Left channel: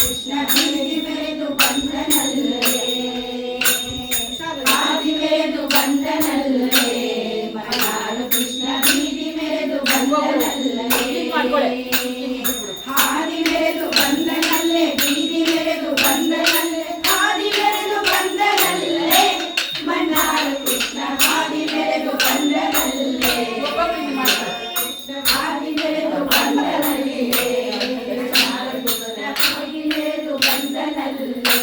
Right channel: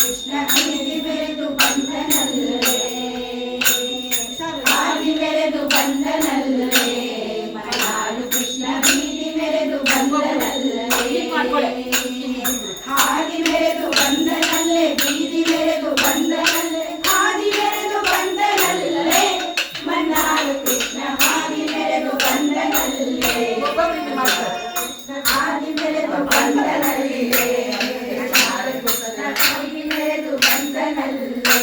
ಕೃಷ್ಣ ಬೀದಿ ಬೆರೆದು ಬಂದನಲ್ಲೇ ಹಾದಿ ಬೆರೆದು ಬಂದನಲ್ಲೇ ಮಲೆನಾಡು ಕೃಷ್ಣ ಬೀದಿ ಬೆರೆದು ಬಂದನಲ್ಲೇ ಹಾದಿ ಬೆರೆದು ಬಂದನಲ್ಲೇ ಬೀದಿ ಬೆರೆದು ಬಂದನಲ್ಲೇ ಹಾದಿ ಬೆರೆದು ಬಂದನಲ್ಲೇ ಮಲೆನಾಡು ಕೃಷ್ಣ ಹಾದಿ ಬೆರೆದು ಬಂದನಲ್ಲೇ ಹಾದಿ ಬೆರೆದು ಬಂದನಲ್ಲೇ ಹಾದಿ ಬೆರೆದು ಬಂದನಲ್ಲೇ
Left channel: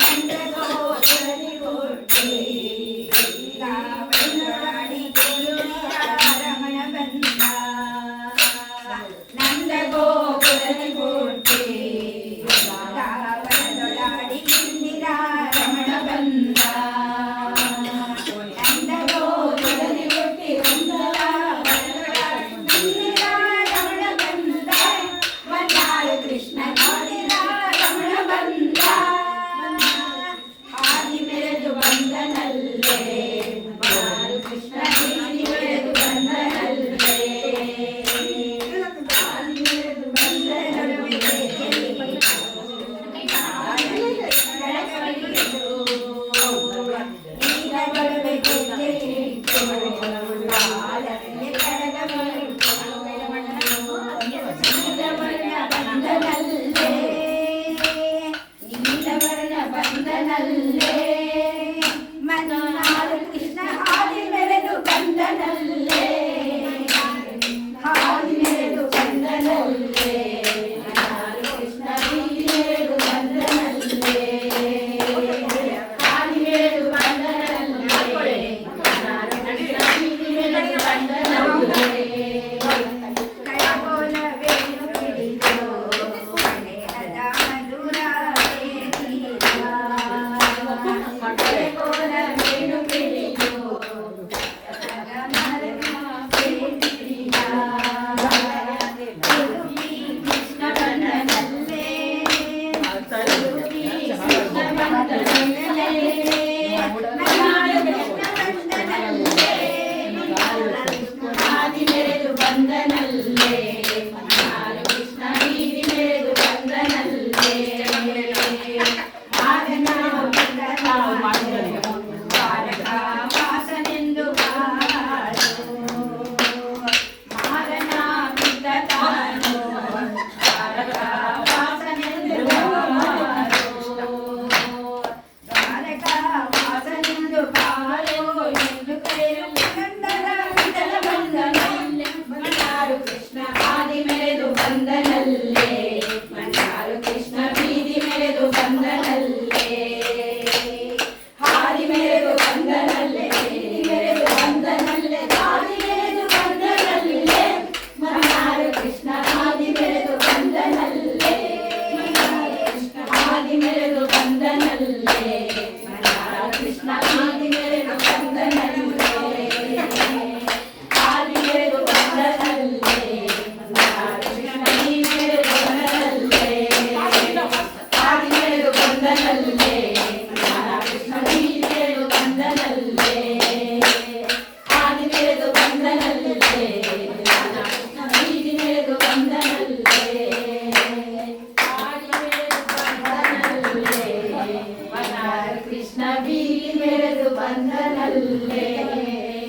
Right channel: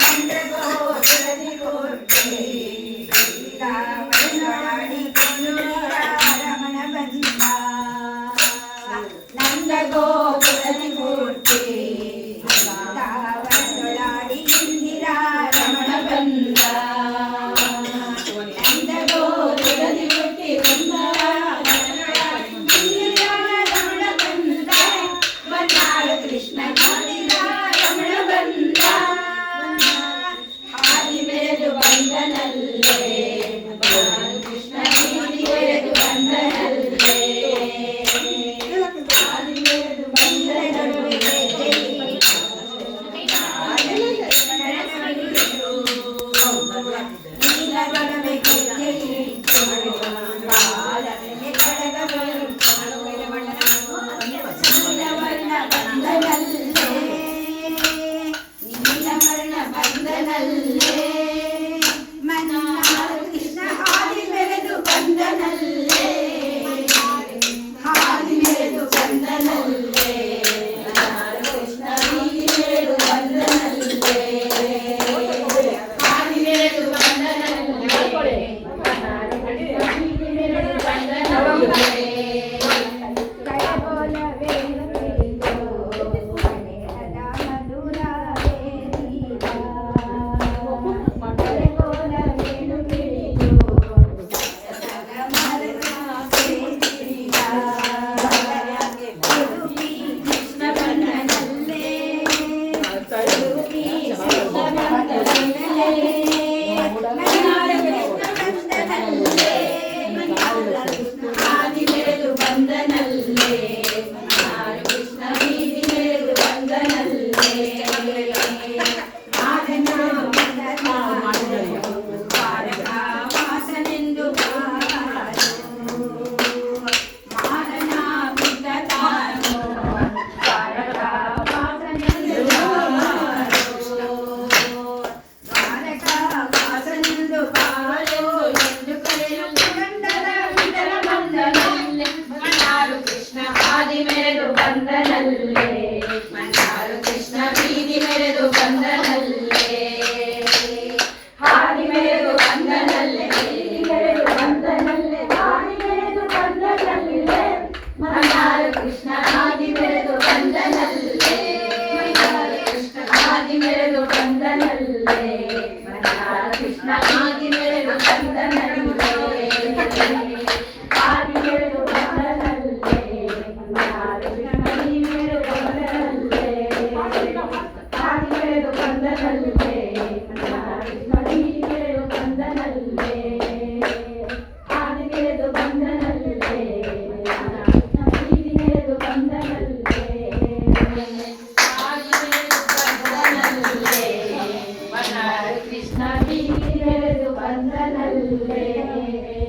ನಂದಗೋಪುರದಿ ಕೋಟೆ ರಾವಣನೊಡಾಡಿ ರಮಣ ಬಂದ ನಂದಗೋಪುರದಿ ಕೋಟೆ ರಾವಣನೊಡಾಡಿ ಇಂದಿರಾ ರಮಣ ಬಂದ ನಂದಗೋಪುರದಿ ಕೋಟೆ ಕೃಷ್ಣ ಹಾಡಿದ ರಮಣ ಬಂದ ಹಾದಿ ಬೆರೆದು ಬಂದನಲ್ಲೇ ಕೃಷ್ಣ ಬೀದಿ ಬೆರೆದು ಬಂದನಲ್ಲೇ ಹಾದಿ ಬೆರೆದು ಬಂದನಲ್ಲೇ ನೀಲಗಳವೆ ಗೆಜ್ಜೆಯಿಟ್ಟು ಬಾಲದಲ್ಲಿ ಕಡಗಗಳು ನೀಲವರ್ಣ ಬಂದನಲ್ಲೇ ಮಲೆನಾಡು ಕೃಷ್ಣ ಹಾದಿ ಬೆರೆದು ಬಂದನಲ್ಲೇ ಹಾದಿ ಬೆರೆದು ಬಂದನಲ್ಲೇ ಮಲೆನಾಡು ಕೃಷ್ಣ ಬೀದಿ ಬೆರೆದು ಬಂದನಲ್ಲೇ ಹಾದಿ ಬೆರೆದು ಬಂದನಲ್ಲೇ ಬೀದಿ ಬೆರೆದು ಬಂದನಲ್ಲೇ ಹಾದಿ ಬೆರೆದು ಬಂದನಲ್ಲೇ ಮಲೆನಾಡು ಕೃಷ್ಣ ಬೀದಿ ಬೆರೆದು ಬಂದನಲ್ಲೇ ವಾಸನೆಂದು ಮಾರನಾಗಿದ್ದ ತಾನು ವಾಸನೆಂದು ಬಾಳು ಎಂದು ಕರೆಯು ಮಲೆನಾಡು ಕೃಷ್ಣ ಹಾದಿ ಬೆರೆದು ಬಂದನಲ್ಲೇ